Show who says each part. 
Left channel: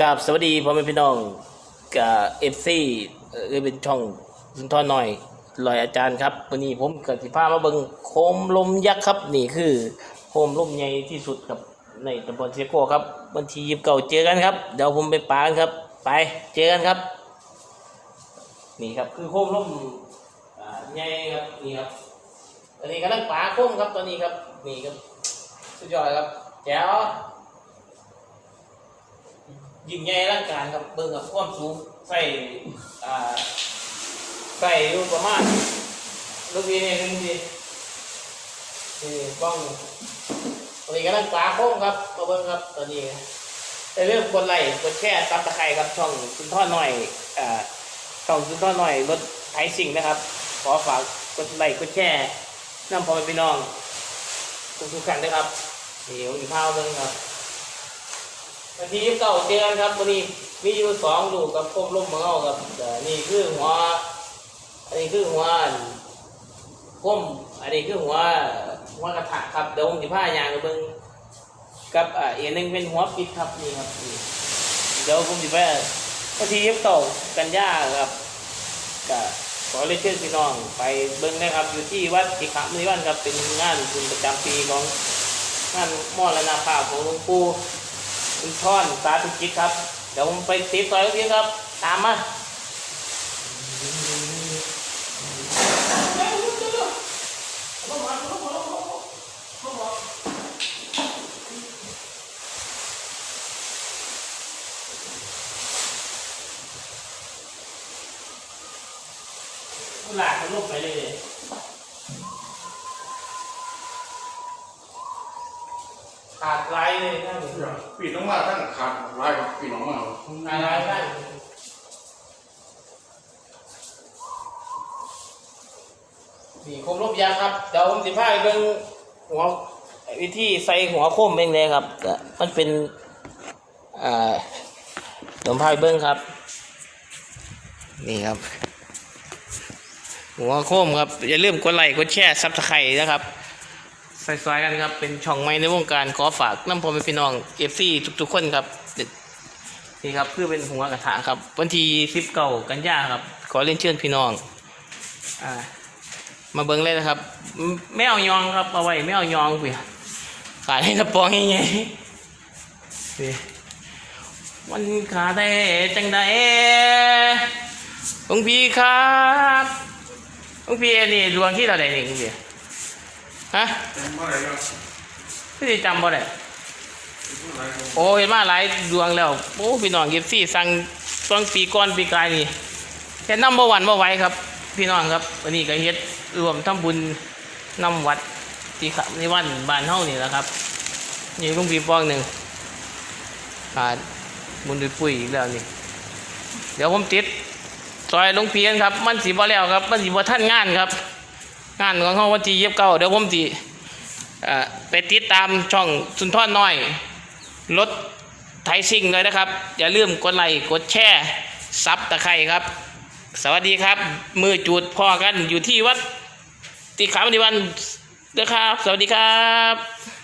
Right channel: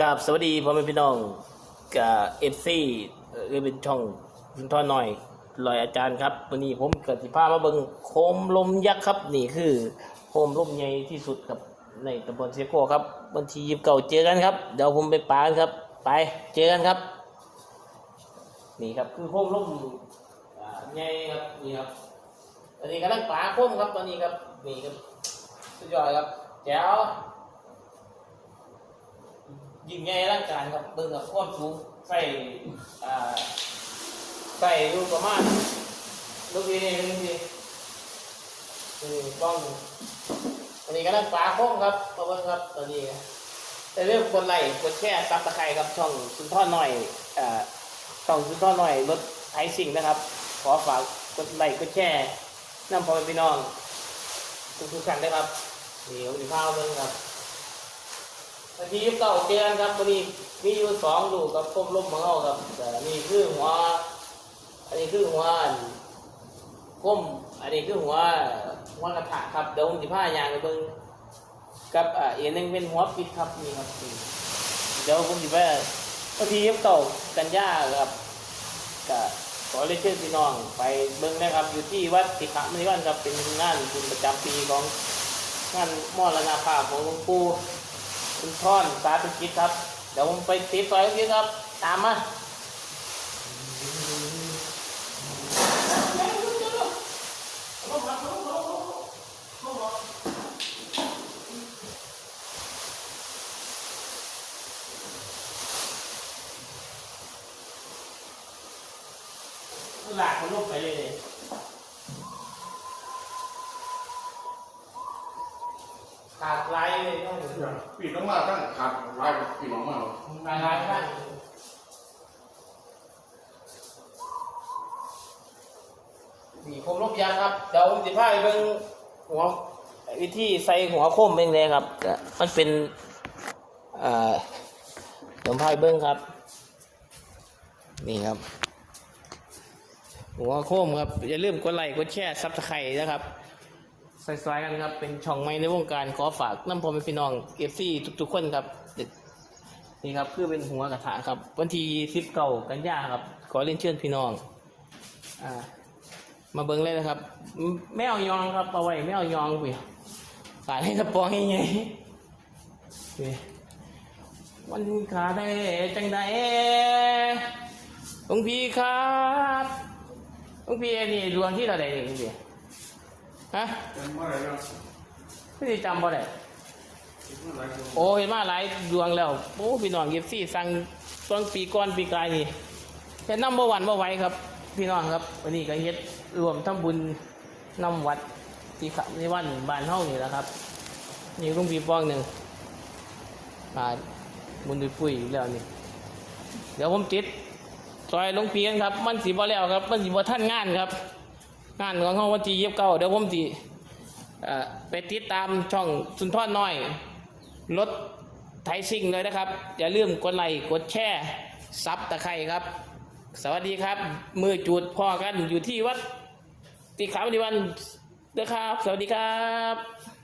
Speaker 1: กับสวัสดีพ่อแม่พี่น้องกับเอฟซีเออเป็นช่องสุนทรหน่อยลอยอาจารย์ครับวันนี้ผมกับสิพามาเบิงโคมลมยักษ์ครับ นี่คือโคมลมใหญ่ที่สุดครับในตำบลเซโก้ครับวันที่ยิบเก่าเจอกันครับเดี๋ยวผมไปปานครับ ไปเจอกันครับ นี่ครับคือโคมลมอ่าใหญ่ครับนี่ครับอันนี้กำลังปาโคมครับตอนนี้ครับนี่ครับสุดยอดครับแจ๋ว ยิ่งใหญ่ร่างการครับเบิ่งกับความสูงใส่อ่าใส่อยู่ประมาณลูกพีนี่เป็นทีนี่ป้องตอนนี้กำลังปลาโค้งครับมาเบิ่งครับตอนนี้แต่เรื่องกดไลค์กดแชร์ซับตะไคร้ครับช่องคุณท่อหน่อยอ่าช่องคุณท่อหน่อยรถไทยสิ่งนะครับ ขอฝากกดไลค์กดแชร์น้ำพอพี่น้องทุกๆท่านนะครับเดี๋ยวอีกข้าเบิ่งครับ นาทีที่เก้าเจอกันครับวันนี้มีอยู่สองลูกกับพวกลูกมังเอาครับนี่คือหัวอันนี้คือหัวก้มอันนี้คือหัวหัวกระถางครับเดี๋ยวผมจะพายางกับเบิ้งกับอ่าอีกนหนึงเป็นหัวปิดครับนี่ครับเดี๋ยวผมจะไปวันที่ยี่สิบเก้ากันยาครับก็ขอเรียนเชิญพี่น้องไปเบิ้งนะครับอยู่ที่วัดสิขามณีวันครับเป็นงานบุญประจำปีของงานมอรณภาพของหลวงปู่ คุณท่อนสาธุณจิตครับ เดี๋ยวผมไปติดซอยตรงนี้ครับ ตามมาหลากมันลุกไปเลย ขาดไรเลยนั่น
Speaker 2: ปีน้องมาทั้งขาดลายปีน้องมา
Speaker 1: อะไรนั่นี่โคมรูปยางครับ เดี๋ยวผมสิพาเบิ่งหัววิธีใส่หัวโคมเองเลยครับอ่มันเป็นอ่าเดี๋ยวผมพาไปเบิ่งครับ นี่ครับ หัวโคมครับ อย่าลืมกดไลค์กดแชร์ซับสไครต์นะครับ ใส่ๆกันครับ เป็นช่องใหม่ในวงการขอฝากน้ำพอเป็นพี่น้องเอฟซีทุกๆคนครับนี่ครับคือเป็นหัวกระถางครับ วันที่สิบเก้ากันยาครับ ขอเรียนเชิญพี่น้องอ่ามาเบิ้งเลยนะครับไมแมวยองครับเอาไว้แมวยองเปียขายให้กระป๋องยังไงมันขาได้จังใดหลวงพี่ครับหลวงพี่นี่ดวงที่เราได้นี่หลวงพี่ฮะ
Speaker 2: เมื่อ ไหร่เนาะ
Speaker 1: พี่จำบ่ได้โอ้ยมาหลายดวงแล้วโอ้พี่น้องเก็บซี่สั่งช่วงปีก่อนปีกายนี่แค่น้ำบ่หวันบ่ไหวครับ พี่น้องครับวันนี้ก็เฮ็ดรวมทำบุญน้ำวัดที่ขับในวันบ้านเฮานี่แหละครับนี่ลุงปีปองหนึ่งขาดบุญด้วยปุ๋ยอีกแล้วนี่ เดี๋ยวผมติดซอยลุงเพียนครับ มันสีบ่แล้วครับ มันสีบ่ท่านงานครับ งานของเขาวันที่ยีิบเก้าเดี๋ยวผมจีไปติดตามช่องสุนทรน้อยรถไทยซิ่งเลยนะครับ อย่าลืมกดไลค์กดแชร์ซับตะไคร่ครับ สวัสดีครับ มือจูดพ่อกันอยู่ที่วัดติขาวนิวันนะครับ สวัสดีครับ